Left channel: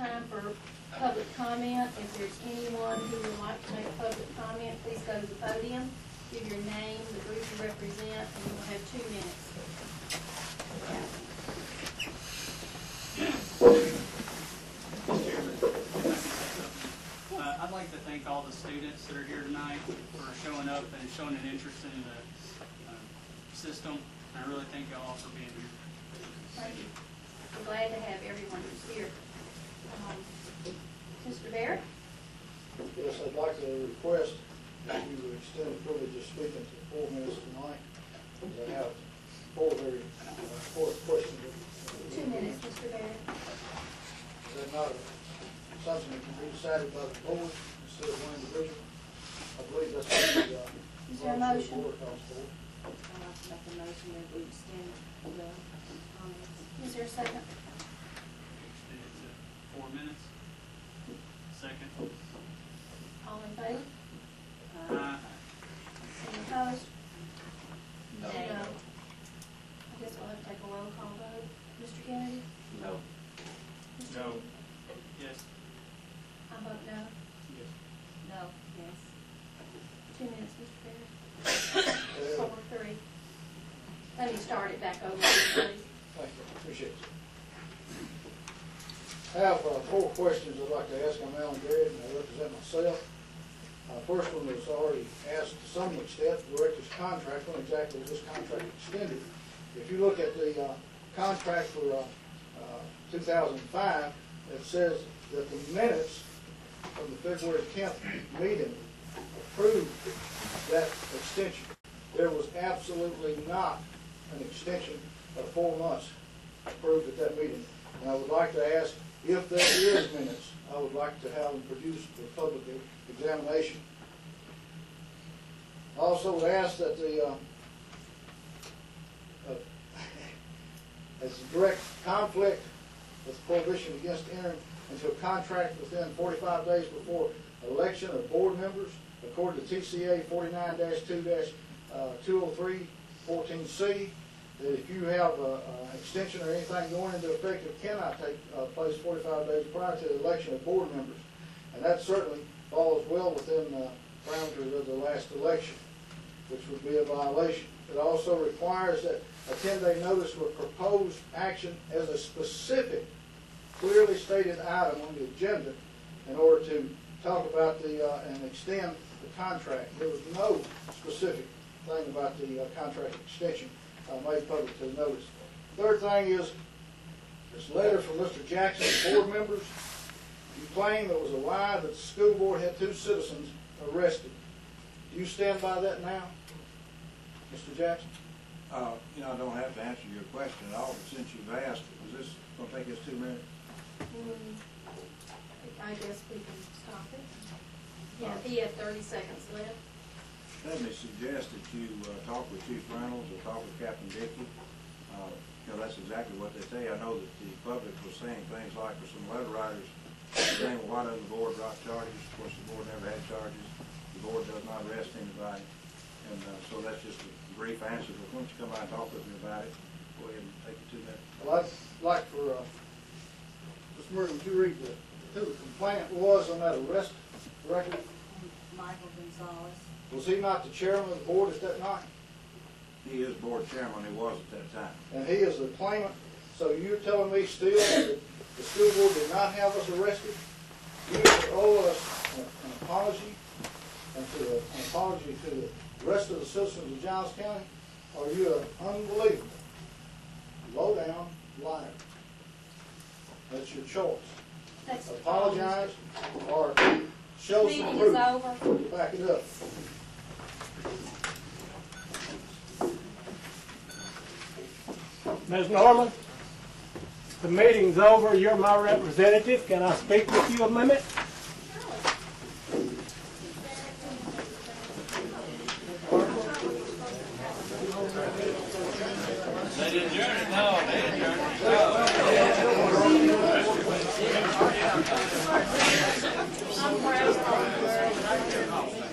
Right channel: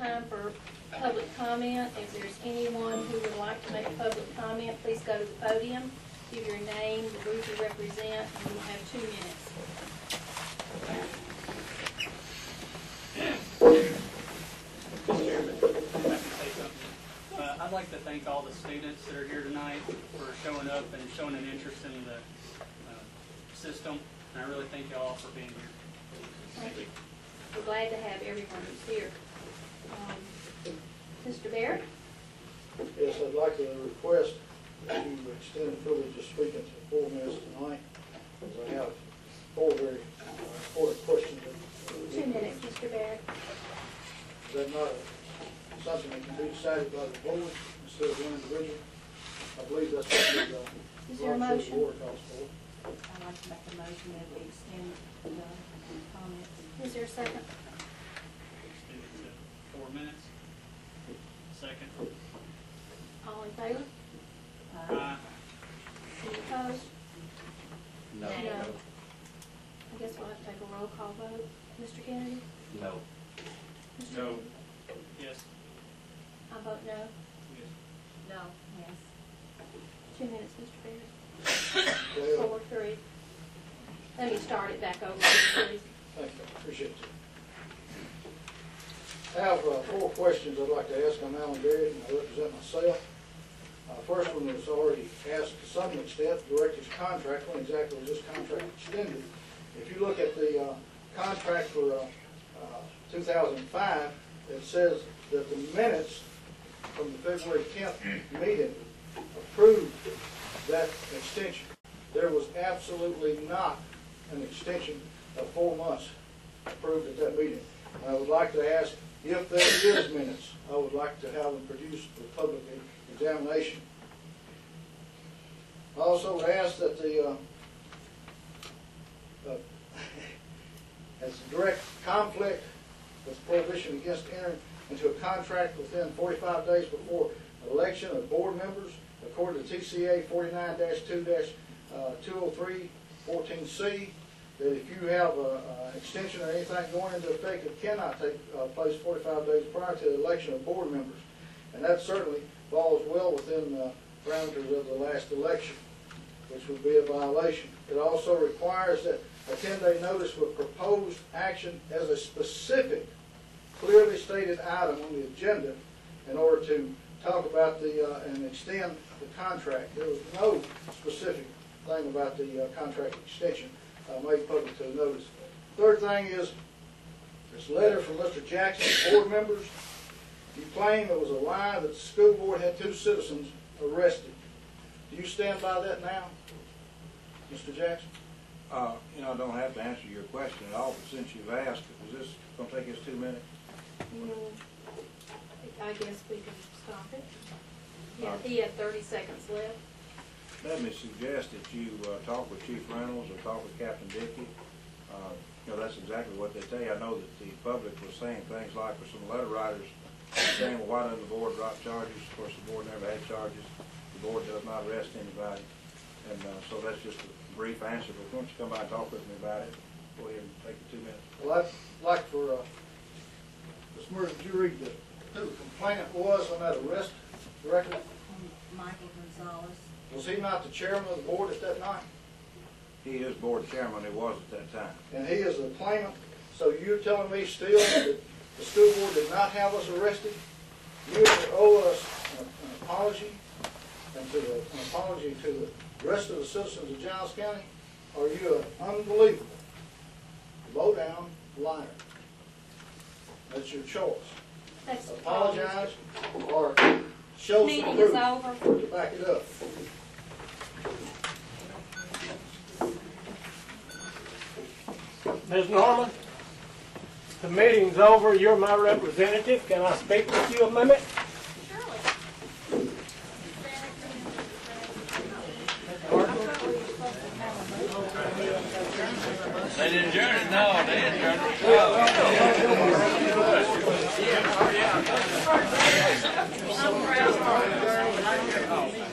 time for public comment. If there's anyone who would like to make a public comment, please go to the podium, give your name, the group you represent, and you'll have 2 minutes. I'd like to thank all the students that are here tonight for showing up and showing an interest in the system. And I really thank you all for being here. Thank you. We're glad to have everyone who's here. Mr. Barrett? Yes, I'd like to request that you extend the privilege of speaking to 4 minutes tonight, because I have 4 very important questions. 2 minutes, Mr. Barrett. Is that not something that can be decided by the board instead of one individual? I believe that's what the Is there a motion? board calls for. I'd like to make a motion that we extend the comments. Is there a second? 4 minutes. Second. All in favor? Any opposed? No. No. I guess we'll have to take a roll call vote. Mr. Kennedy? No. Mr. No. Yes. I vote no. Yes. No. Yes. 2 minutes, Mr. Barrett. 4, 3. Let me start it back over, please. Thank you. Appreciate it. I have 4 questions I'd like to ask. I'm Alan Barrett, and I represent myself. First one was already asked to some extent, the director's contract. When exactly was this contract extended? If you look at the contract for 2005, it says that the minutes from the February 10th meeting approved that extension. There was absolutely not an extension of 4 months approved at that meeting. And I would like to ask, if there is minutes, I would like to have them produced for public examination. I also would ask that the as a direct conflict with prohibition against entering into a contract within 45 days before election of board members, according to TCA 49-2-203-14C, that if you have an extension or anything going into effect, it cannot take place 45 days prior to the election of board members. And that certainly falls well within the parameters of the last election, which would be a violation. It also requires that a 10-day notice with proposed action as a specific, clearly stated item on the agenda in order to talk about the and extend the contract. There was no specific thing about the contract extension made public to the notice. Third thing is this letter from Mr. Jackson, board members. You claim it was a lie that the school board had 2 citizens arrested. Do you stand by that now, Mr. Jackson? You know, I don't have to answer your question at all, but since you've asked, is this going to take us 2 minutes? I guess we can stop it. Yeah, he had 30 seconds left. Let me suggest that you talk with Chief Reynolds or talk with Captain Dickey. You know, that's exactly what they say. I know that the public was saying things like, for some letter writers saying, well, why doesn't the board drop charges? Of course, the board never had charges. The board does not arrest anybody. And so that's just a brief answer. But once you come by and talk with me about it, go ahead and take the 2 minutes. Well, I'd like for Ms. Murray, would you read who the complainant was on that arrest record? Michael Gonzalez. Was he not the chairman of the board at that night? He is board chairman. He was at that time. And he is the claimant. So you're telling me still that the school board did not have us arrested? You owe us an apology and an apology to the rest of the citizens of Giles County? Or are you an unbelievable, low-down liar? That's your choice. That's Apologize or show some meeting proof is over. to back it up. Ms. Norman, the meeting's over. You're my representative. Can I speak with you a minute? They didn't adjourn it. No, they didn't adjourn it.